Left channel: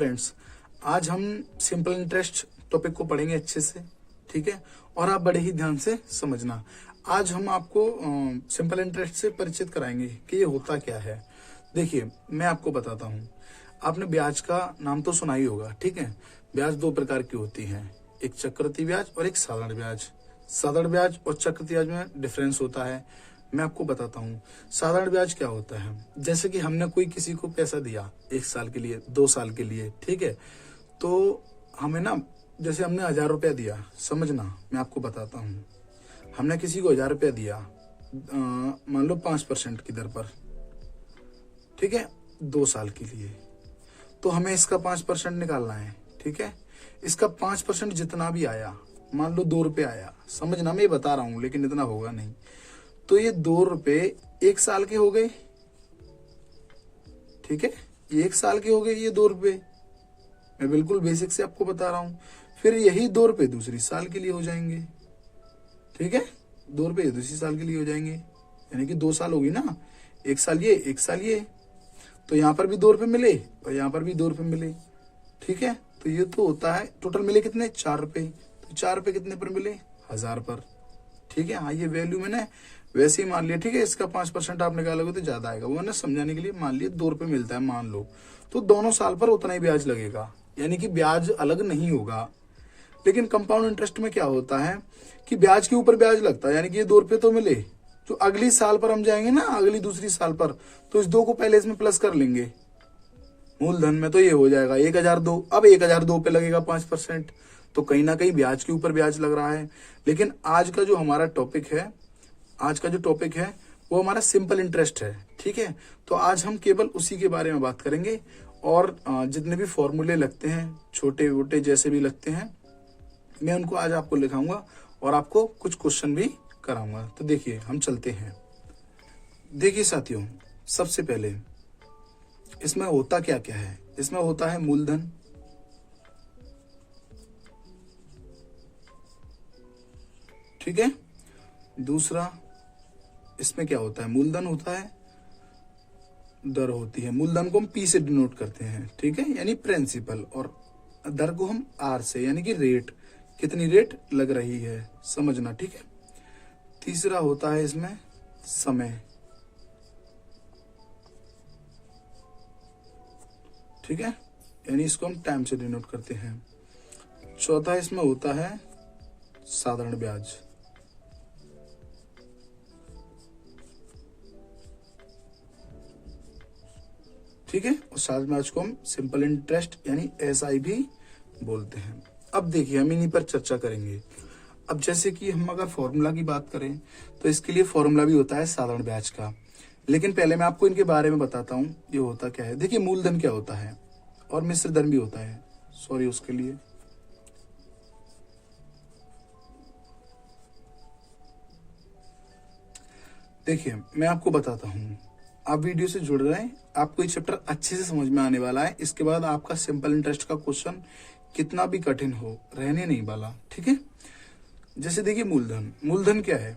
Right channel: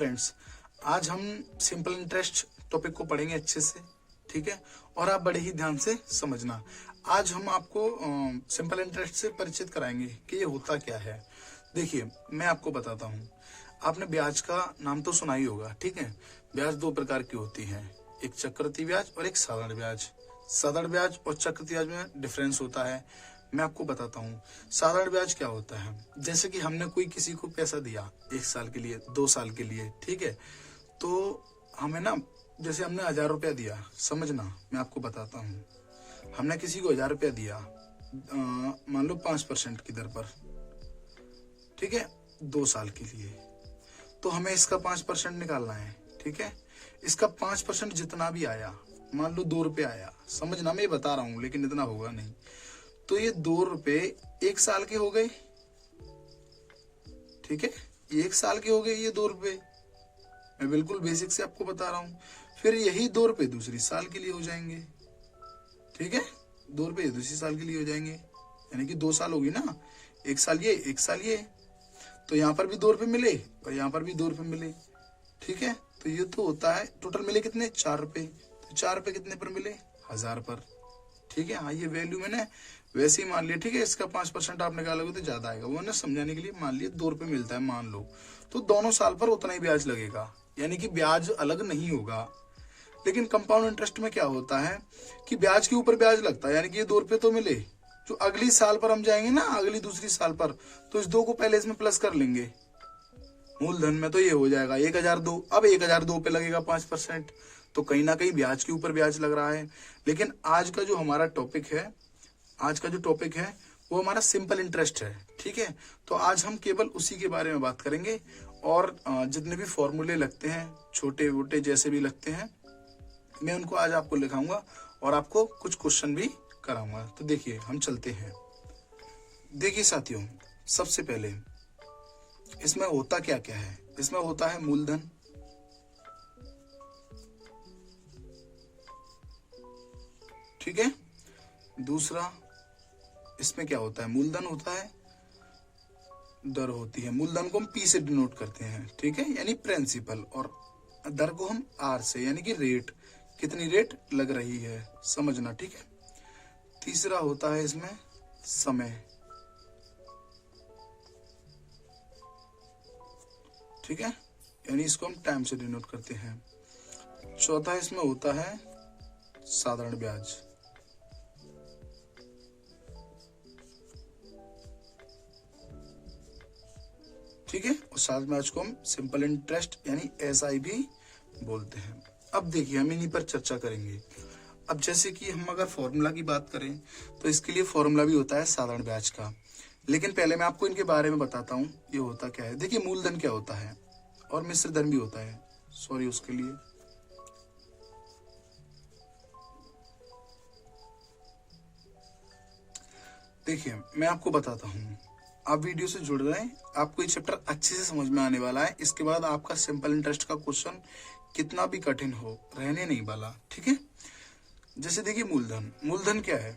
Friends, आज हम simple interest topic को पढ़ेंगे अच्छे से, ठीक है। और आप बड़े ही ध्यान से समझना। आज हम आपको सिंपल इंटरेस्ट से परिचित कराएंगे कि ये होता क्या है। देखिए, मैं आपको बताता हूँ। आपने ब्याज का नाम तो सुना ही होगा, ठीक है। ब्याज दो प्रकार की होती है, एक चक्रवृद्धि ब्याज और एक साधारण ब्याज। साधारण ब्याज और चक्रवृद्धि ब्याज में डिफरेंस होता है। मैं आपको बताता हूँ साधारण ब्याज क्या होता है। जैसे कि हमने कोई किसी को पैसा दिया 1 साल के लिए, 2 साल के लिए, ठीक है। तो हमें ना, जैसे हमने 1000 रुपया दिया, समझना, मैं आपको बताता हूँ। हमने किसी को 1000 रुपया दिया, मान लो 5% की दर पर, ठीक है, 2 साल के लिए। तो हमें इसका 5% निकालना है, ठीक है। इसका 5% जितना भी आया, मान लो 2 रुपये आया, समझना, मैं ये बता रहा हूँ लेकिन इतना होगा नहीं। तो ये 2 रुपये 1 साल के हो गए, ठीक है। ये 1 साल के हो गए ये 2 रुपये, मैं बिल्कुल बेसिक से आपको बता रहा हूँ। फिर यही 2 रुपये दूसरी साल के लिए हो जाएंगे, ठीक है। 2 रुपये दूसरी साल के लिए हो जाएंगे, यानी कि 2 साल होगी ना, 1 साल ये 1 साल ये। तो यहाँ पर भी 2 रुपये मिले और यहाँ पर भी 2 रुपये मिले, ठीक है। तो ये तो होता है, टोटल मिले कितने, 4 रुपये। तो 4 रुपये कितने पर मिले, 1000 पर, ठीक है। हाँ, ये वैल्यू मैंने वैसे ही मान लिया, ठीक है। इसका 5% आप निकालोगे तो ज्यादा आएगा, वो मैंने समझाने के लिए मान लिया 2 रुपये मिलता है, मान लो। तो दोनों साल पर उतना ही ब्याज लगेगा, यानी कि ब्याज अलग नहीं होगा। लेकिन कंपाउंड इंटरेस्ट में क्या होता है कि ब्याज के ऊपर ब्याज लगता है, यानी कि ये 2 रुपये तो मिले, जो अगली साल पर हम जाएंगे ना, अगली दूसरी साल पर, तो इस 2 को पहले इसमें प्लस कर लेंगे। मूलधन में तो ये हो जाएगा 1002। अब 1002 पे लगेगा 5%, तो कहीं ना कहीं ब्याज के ऊपर ब्याज लग रहा है। लेकिन आज का जो हमारा टॉपिक है, वो हमारा सिंपल इंटरेस्ट है, ठीक है। तो आज हम केवल उसी के बारे में बात करेंगे, और जितने भी फॉर्मूले लगते हैं, छोटे मोटे जैसे भी लगते हैं, मैं उनको आज आपको लिखाऊंगा और आपको कुछ क्वेश्चन भी कराऊंगा। तो देखिए, हम चलते हैं। देखिए साथियों, सबसे पहले इसमें होता क्या क्या है। इसमें होता है मूलधन, ठीक है। दूसरा, इसमें क्या होता है, मूलधन होता है, दर होती है। मूलधन को हम पी से डिनोट करते हैं, ठीक है, यानी प्रिंसिपल, और दर को हम आर से, यानी कि रेट, कितनी रेट लग रही है, समझना, ठीक है। तीसरा होता है इसमें समय, ठीक है, यानी इसको हम टाइम से डिनोट करते हैं। चौथा इसमें होता है साधारण ब्याज, ठीक है, और साधारण ब्याज को हम सिंपल इंटरेस्ट यानी एसआई भी बोलते हैं। अब देखिए, हम इन्हीं पर चर्चा करेंगे। अब जैसे कि हम अगर फॉर्मूला की बात करें, तो इसके लिए फॉर्मूला भी होता है साधारण ब्याज का। लेकिन पहले मैं आपको इनके बारे में बताता हूँ ये होता क्या है। देखिए, मूलधन क्या होता है और मिश्र धन भी होता है, सॉरी उसके लिए। देखिए, मैं आपको बताता हूँ, आप वीडियो से जुड़ रहे हैं, आपको ये चैप्टर अच्छे से समझ में आने वाला है। इसके बाद आपका सिंपल इंटरेस्ट का क्वेश्चन कितना भी कठिन हो, रहने नहीं वाला, ठीक है। जैसे देखिए, मूलधन क्या है।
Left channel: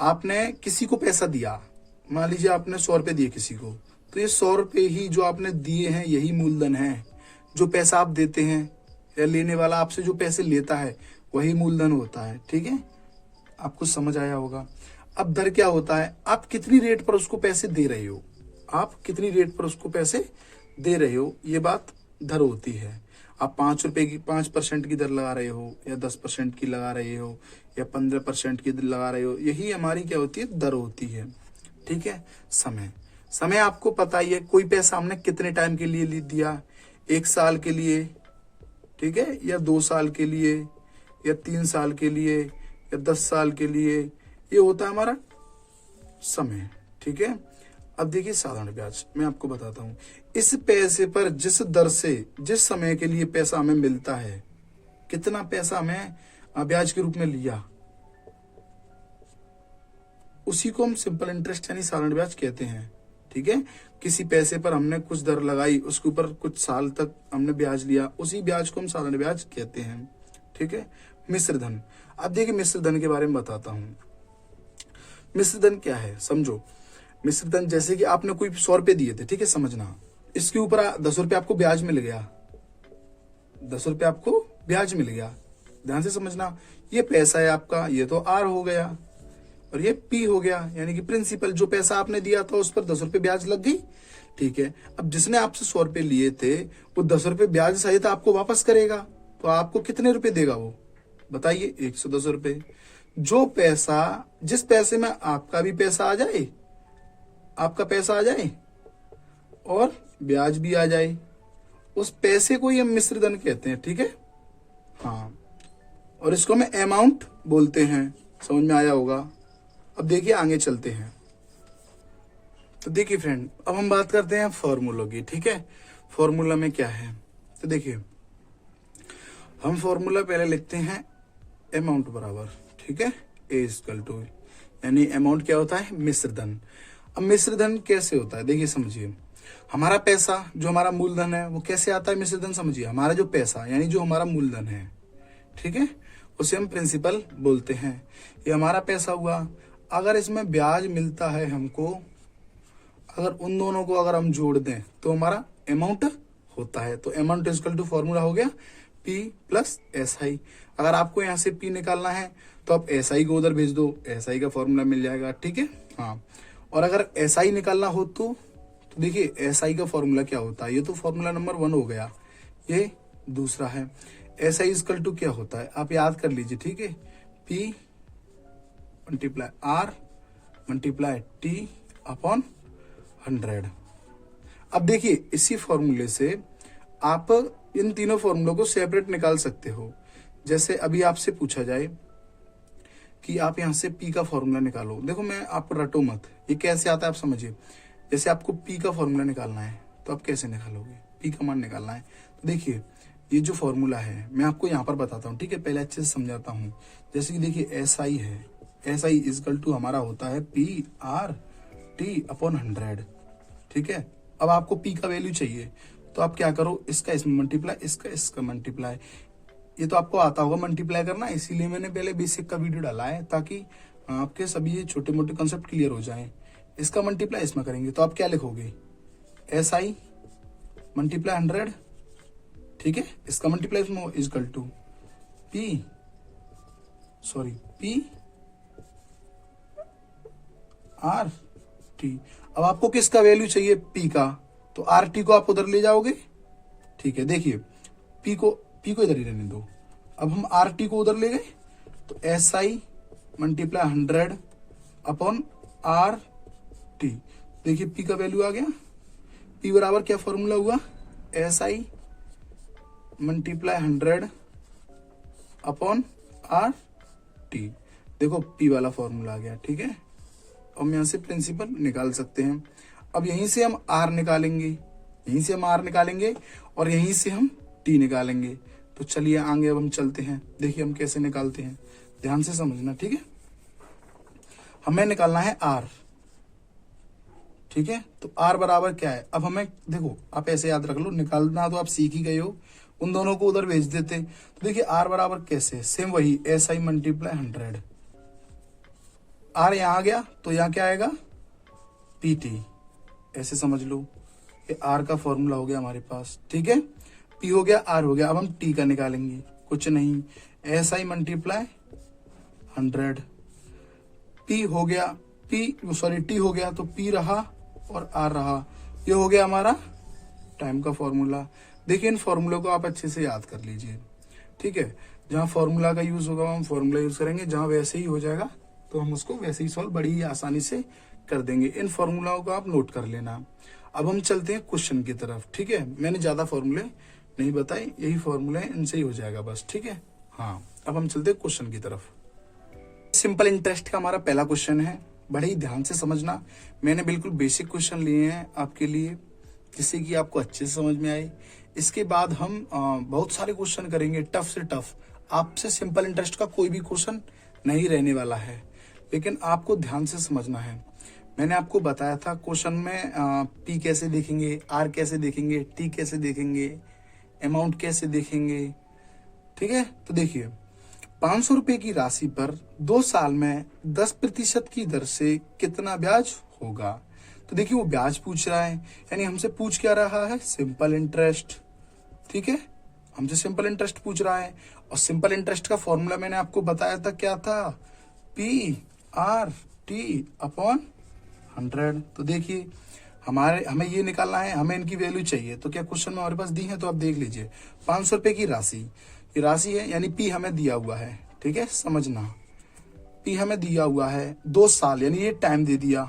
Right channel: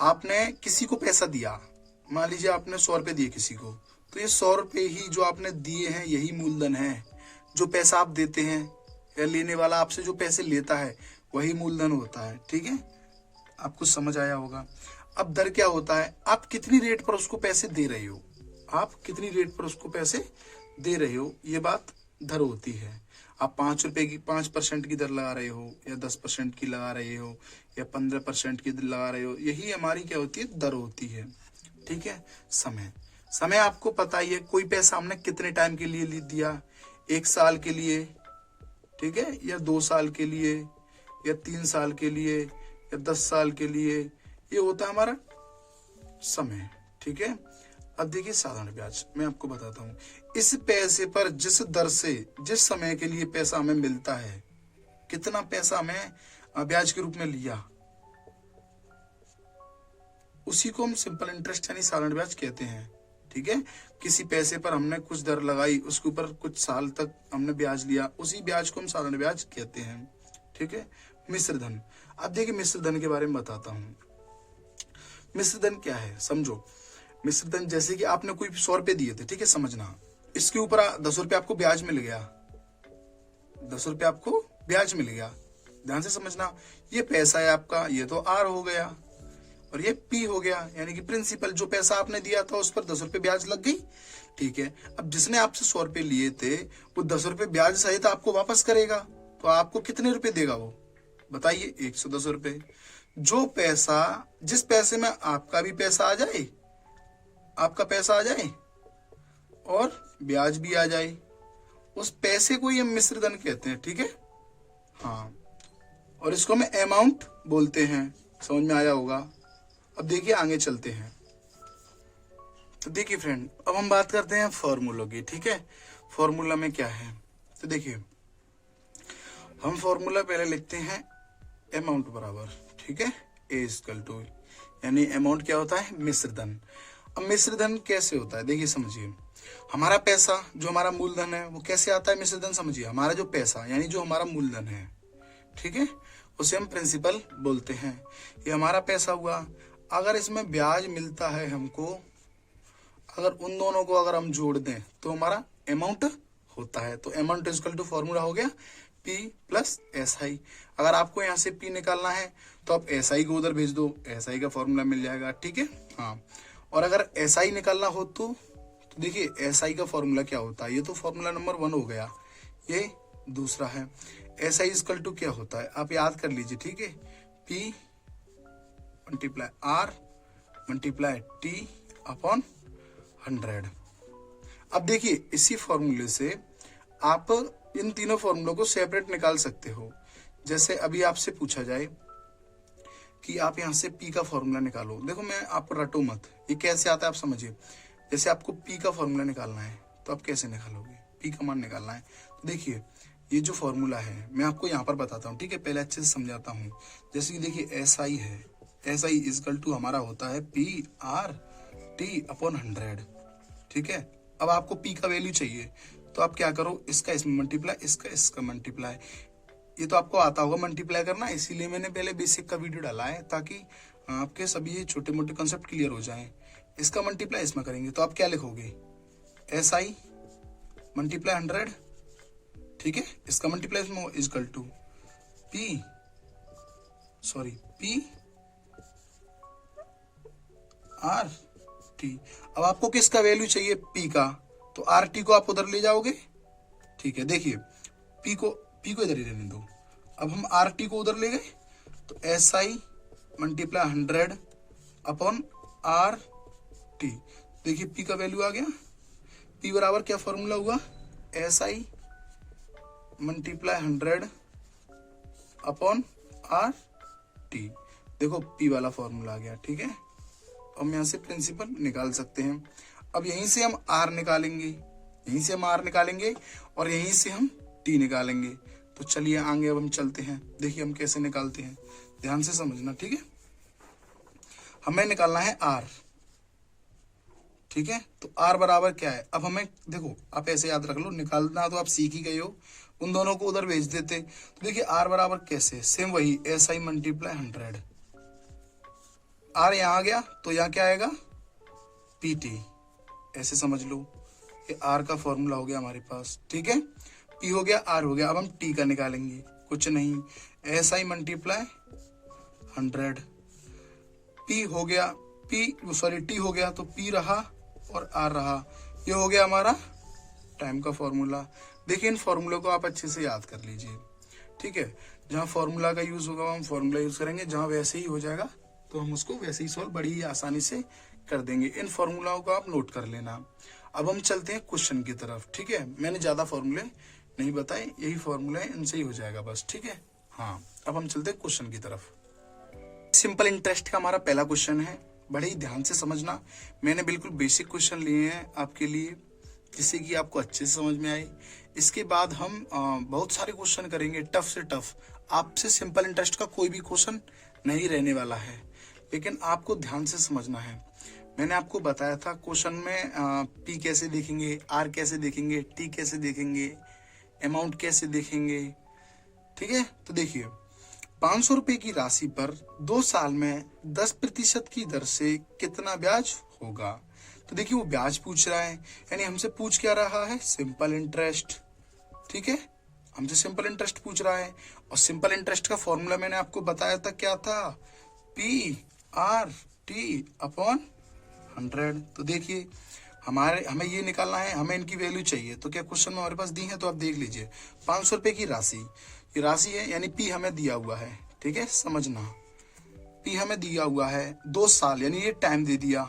आपने किसी को पैसा दिया, मान लीजिए आपने 100 रुपये दिए किसी को, तो ये 100 रुपये ही जो आपने दिए हैं, यही मूलधन है। जो पैसा आप देते हैं या लेने वाला आपसे जो पैसे लेता है, वही मूलधन होता है, ठीक है। आपको समझ आया होगा। अब दर क्या होता है, आप कितनी रेट पर उसको पैसे दे रहे हो, आप कितनी रेट पर उसको पैसे दे रहे हो, ये बात दर होती है। आप 5 रुपए की 5% की दर लगा रहे हो, या 10% की लगा रहे हो, या 15% की लगा रहे हो, यही हमारी क्या होती है, दर होती है, ठीक है। समय आपको पता ही है, कोई पैसा हमने कितने टाइम के लिए दिया, 1 साल के लिए, ठीक है, या 2 साल के लिए, या 3 साल के लिए, या 10 साल के लिए, ये होता है हमारा समय, ठीक है। अब देखिए, साधारण ब्याज मैं आपको बताता हूँ। इस पैसे पर जिस दर से जिस समय के लिए पैसा हमें मिलता है, कितना पैसा हमें ब्याज के रूप में लिया, उसी को हम सिंपल इंटरेस्ट यानी साधारण ब्याज कहते हैं, ठीक है। किसी पैसे पर हमने कुछ दर लगाई, उसके ऊपर कुछ साल तक हमने ब्याज लिया, उसी ब्याज को हम साधारण ब्याज कहते हैं, ठीक है। मिश्र धन, अब देखिए मिश्र धन के बारे में बताता हूँ। मिश्र धन क्या है समझो। मिश्र धन जैसे कि आपने कोई 100 रुपए दिए थे, ठीक है, समझना, इसके ऊपर 10 रुपए आपको ब्याज मिल गया, ₹10 आपको ब्याज मिल गया। ध्यान से समझना, ये पैसा है आपका, ये तो आर हो गया और ये पी हो गया, यानी कि प्रिंसिपल। जो पैसा आपने दिया था उस पर ₹10 ब्याज लग गई। ठीक है, अब जिसने आपसे ₹100 लिए थे वो ₹10 ब्याज सहित आपको वापस करेगा, तो आपको कितने रुपए देगा वो बताइए? ₹110। जो पैसा, जिस पैसे में आपका भी पैसा आ जाए, आपका पैसा आ जाए और ब्याज भी आ जाए, उस पैसे को ये मिश्र धन कहते हैं। ठीक है, हाँ, और इसको हम अमाउंट बोलते हैं। समझ में आया होगा। अब देखिए आगे चलते हैं। तो देखिए फ्रेंड, अब हम बात करते हैं फॉर्मूलों की। ठीक है, फॉर्मूला में क्या है, तो देखिए हम फॉर्मूला पहले लिखते हैं अमाउंट बराबर, ठीक है, ए इक्वल टू, यानी अमाउंट क्या होता है? मिश्र धन। अब मिश्र धन कैसे होता है देखिए, समझिए। हमारा पैसा जो हमारा मूलधन है वो कैसे आता है मिश्र धन? समझिए, हमारा जो पैसा यानी जो हमारा मूलधन है, ठीक है, उसे हम प्रिंसिपल बोलते हैं। ये हमारा पैसा हुआ। अगर इसमें ब्याज मिलता है हमको, अगर उन दोनों को अगर हम जोड़ दें तो हमारा अमाउंट होता है। तो अमाउंट इक्वल टू फॉर्मूला हो गया P प्लस SI। अगर आपको यहाँ से P निकालना है तो आप SI को उधर भेज दो, SI का फॉर्मूला मिल जाएगा। ठीक है, हाँ, और अगर SI निकालना हो तो देखिए SI का फॉर्मूला क्या होता है? ये तो फॉर्मूला नंबर 1 हो गया, ये दूसरा है। SI इक्वल टू क्या होता है आप याद कर लीजिए। ठीक है, P multiply R multiply T upon 100। अब देखिए इसी फॉर्मूले से आप इन तीनों फॉर्मूलों को सेपरेट निकाल सकते हो। जैसे अभी आपसे पूछा जाए कि आप यहाँ से P का फॉर्मूला निकालो। देखो मैं आपको रटो मत, ये कैसे आता है आप समझिए। जैसे आपको P का फॉर्मूला निकालना है तो आप कैसे निकालोगे? P का मान निकालना है तो देखिए ये जो फॉर्मूला है मैं आपको यहाँ पर बताता हूँ। ठीक है, पहले अच्छे से समझाता हूँ। जैसे कि देखिए SI है, SI इक्वल टू हमारा होता है PR/T अपॉन 100। ठीक है, अब आपको P का वैल्यू चाहिए तो आप क्या करो, इसका इसमें मल्टीप्लाई, इसका इसका मल्टीप्लाई। ये तो आपको आता होगा मल्टीप्लाई करना, इसीलिए मैंने पहले बेसिक का वीडियो डाला है ताकि आपके सभी ये छोटे मोटे कंसेप्ट क्लियर हो जाएं। इसका मल्टीप्लाई इसमें करेंगे तो आप क्या लिखोगे? SI multiply 100। ठीक है, इसका मल्टीप्लाई इसमें equal to P R T। अब आपको किसका वैल्यू चाहिए? P का, तो RT को आप उधर ले जाओगे। ठीक है, देखिए P को इधर ही रहने दो। अब हम RT को उधर ले गए तो SI मल्टीप्लाई 100 अपॉन RT। देखिए P का वैल्यू आ गया। P बराबर क्या फॉर्मूला हुआ? SI multiply 100 upon RT। देखो P वाला फॉर्मूला आ गया। ठीक है, हम यहाँ से प्रिंसिपल निकाल सकते हैं। अब यहीं से हम R निकालेंगे, यहीं से हम R निकालेंगे और यहीं से हम T निकालेंगे। तो चलिए आगे अब हम चलते हैं, देखिए हम कैसे निकालते हैं, ध्यान से समझना। ठीक है, हमें निकालना है R। ठीक है, तो R बराबर क्या है? अब हमें देखो, आप ऐसे याद रख लो, निकालना तो आप सीख ही गए हो, उन दोनों को उधर भेज देते। तो देखिए R बराबर कैसे, सेम वही SI मल्टीप्लाई 100। R यहाँ आ गया तो यहाँ क्या आएगा? PT। ऐसे समझ लो, ये R का फॉर्मूला हो गया हमारे पास। ठीक है, P हो गया, R हो गया। अब हम T का निकालेंगे, कुछ नहीं, SI मल्टीप्लाई 100। P हो गया, T हो गया तो P रहा और R रहा। ये हो गया हमारा टाइम का फॉर्मूला। देखिए इन फॉर्मूले को आप अच्छे से याद कर लीजिए। ठीक है, जहाँ फॉर्मूला का यूज होगा हम फॉर्मूला यूज करेंगे, जहाँ वैसे ही हो जाएगा तो हम उसको वैसे ही सॉल्व बड़ी ही आसानी से कर देंगे। इन फॉर्मूलाओं को आप नोट कर लेना। अब हम चलते हैं क्वेश्चन की तरफ। ठीक है, मैंने ज्यादा फॉर्मूले नहीं बताए, यही फॉर्मूला है, इनसे ही हो जाएगा बस। ठीक है, हाँ, अब हम चलते हैं क्वेश्चन की तरफ। सिंपल इंटरेस्ट का हमारा पहला क्वेश्चन है, बड़े ही ध्यान से समझना। मैंने बिल्कुल बेसिक क्वेश्चन लिए हैं आपके लिए, जिससे कि आपको अच्छे से समझ में आए। इसके बाद हम बहुत सारे क्वेश्चन करेंगे, टफ से टफ। आपसे सिंपल इंटरेस्ट का कोई भी क्वेश्चन नहीं रहने वाला है, लेकिन आपको ध्यान से समझना है। मैंने आपको बताया था क्वेश्चन में P कैसे देखेंगे, R कैसे देखेंगे, T कैसे देखेंगे, अमाउंट कैसे देखेंगे। ठीक है, तो देखिए 500 रुपए की राशि पर 2 साल में 10% की दर से कितना ब्याज होगा। तो देखिए वो ब्याज पूछ रहा है, यानी हमसे पूछ क्या रहा है? Simple interest. ठीक है, हमसे सिंपल इंटरेस्ट पूछ रहा है, और सिंपल इंटरेस्ट का फॉर्मूला मैंने आपको बताया था, क्या था, PRT अपॉन 100। तो देखिए हमें ये निकालना है, हमें इनकी वैल्यू चाहिए। तो क्या क्वेश्चन में हमारे पास दी है, तो आप देख लीजिए 500 रुपए की राशि, ये राशि है, यानी P हमें दिया हुआ है, ठीक है, समझना, P हमें दिया हुआ है 2 साल, यानी ये टाइम दे दिया,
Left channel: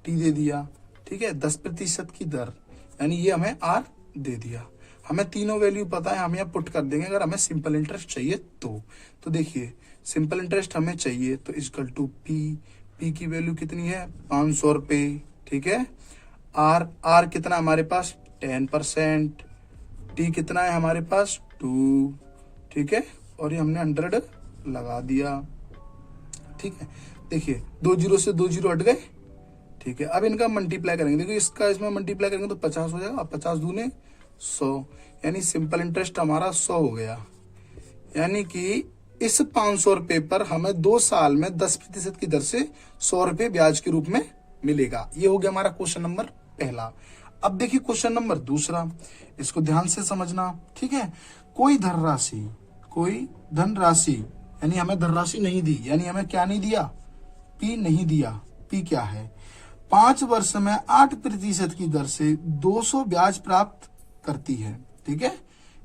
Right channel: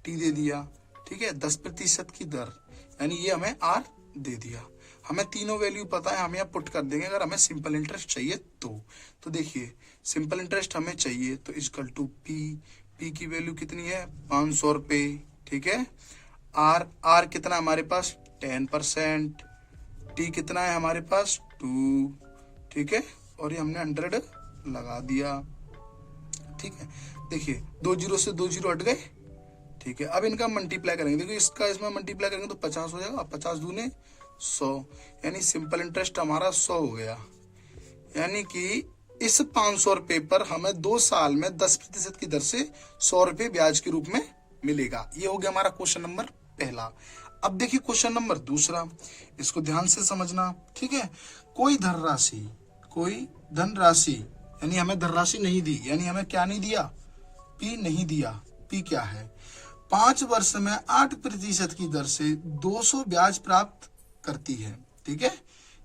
T दे दिया, ठीक है, 10% की दर, यानी ये हमें R दे दिया। हमें तीनों वैल्यू पता है, हम यहाँ पुट कर देंगे अगर हमें सिंपल इंटरेस्ट चाहिए तो देखिए सिंपल इंटरेस्ट हमें चाहिए तो इक्वल टू P की वैल्यू कितनी है, 500 रुपए, ठीक है। R कितना हमारे पास 10%, T कितना है हमारे पास 2, ठीक है, और ये हमने 100 लगा दिया, ठीक है। देखिए 2 जीरो से 2 जीरो हट गए, ठीक है। अब इनका मल्टीप्लाई करेंगे, देखिए इसका इसमें मल्टीप्लाई करेंगे तो 50 हो जाएगा, 50 दूने 100, यानी सिंपल इंटरेस्ट हमारा 100 हो गया। यानी कि इस 500 रुपए पर हमें 2 साल में 10% की दर से 100 रुपए ब्याज के रूप में मिलेगा। ये हो गया हमारा क्वेश्चन नंबर पहला। अब देखिए क्वेश्चन नंबर दूसरा, इसको ध्यान से समझना, ठीक है। कोई धनराशि यानी हमें धनराशि नहीं दी, यानी हमें क्या नहीं दिया, P नहीं दिया। P क्या है, 5 वर्ष में 8% की दर से 200 ब्याज प्राप्त करती है, ठीक है।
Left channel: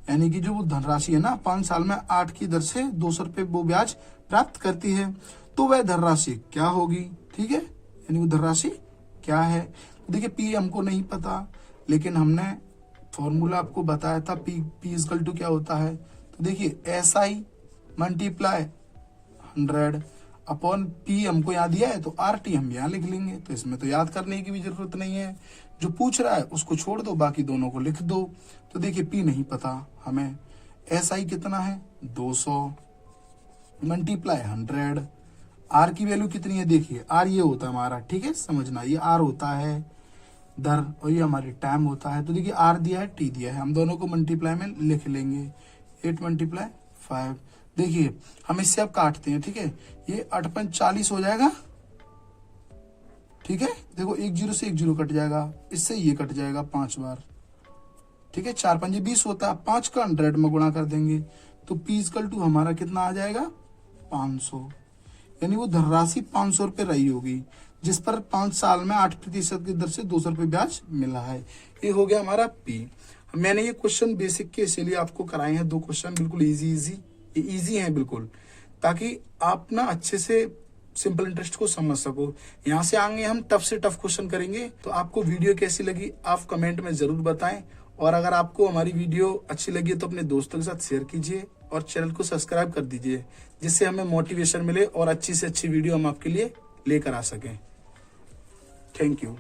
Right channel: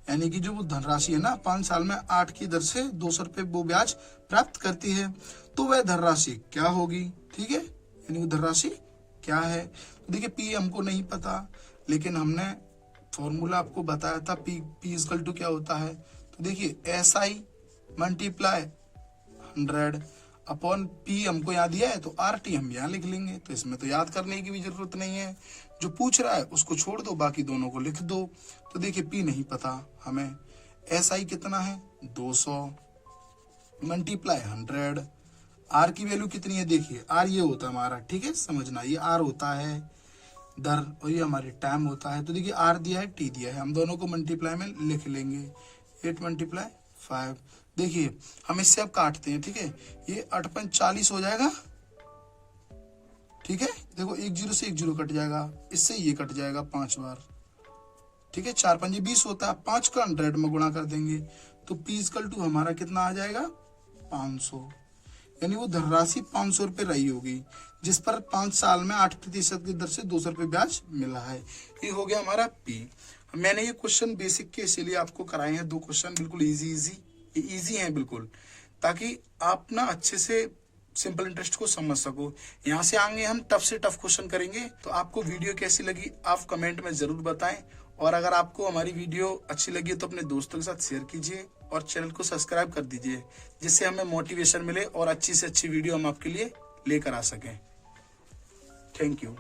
यानी कि जो वो धनराशि है ना, 5 साल में 8 की दर से 200 रुपए वो ब्याज प्राप्त करती है, तो वह धनराशि क्या होगी, ठीक है, यानी वो धनराशि क्या है। देखिए P हमको नहीं पता, लेकिन हमने फॉर्मूला आपको बताया था, P इक्वल टू क्या होता है। तो देखिए SI मल्टीप्लाई 100 अपॉन P हमको याद दिया है, तो RT हम यहाँ लिख लेंगे, तो इसमें तो याद करने की भी जरूरत नहीं है, जो पूछ रहा है उसको छोड़ दो, बाकी दोनों को लिख दो। तो देखिए P नहीं पता हमें, SI कितना है 200 मल्टीप्लाई 100, R की वैल्यू कितनी है, देखिए R ये होता है हमारा, ठीक है, समझना, ये R होता है दर, और ये हमारी टाइम होता है। तो देखिए R दिया है, T दिया है, हम दोनों को मल्टीप्लाई में लिख लेंगे, 8 मल्टीप्लाई 5। देखिए हम इससे अब काटते हैं, ठीक है, ये 8 5 40 हो जाएगा, ठीक है। देखो 1 जीरो से 1 जीरो कट जाएगा, इससे ये कट जाएगा 5 बार, ठीक है, 4 5 20 होता है, 5 का 100 में गुणा कर देंगे, तो P इक्वल टू हमारा कितना आ जाएगा 500, यानी वो धनराशि 500 रुपए रही होगी, जिस पर 5 साल में 8% की दर से 200 रुपए ब्याज मिला है। ये हो गया हमारा P। मैंने ये क्वेश्चन बेसिक के इसीलिए आपको कराए हैं, 2 क्वेश्चन बिल्कुल इजी हैं बिल्कुल, ताकि आप ना अच्छे से सिंपल इंटरेस्ट को समझ सको। यहाँ से आगे हम टफ से टफ क्वेश्चन करेंगे। तो आपको वीडियो कैसी लगी आप कमेंट में जरूर बताएं, और अगर आपको हमारी वीडियो अच्छी लगी तो अपने दोस्तों के साथ शेयर कीजिए और चैनल को सब्सक्राइब कर दीजिए, जिससे हमें मोटिवेशन मिले और अच्छी से अच्छी वीडियो हम आपके लिए लेकर आ सकें। Thank you.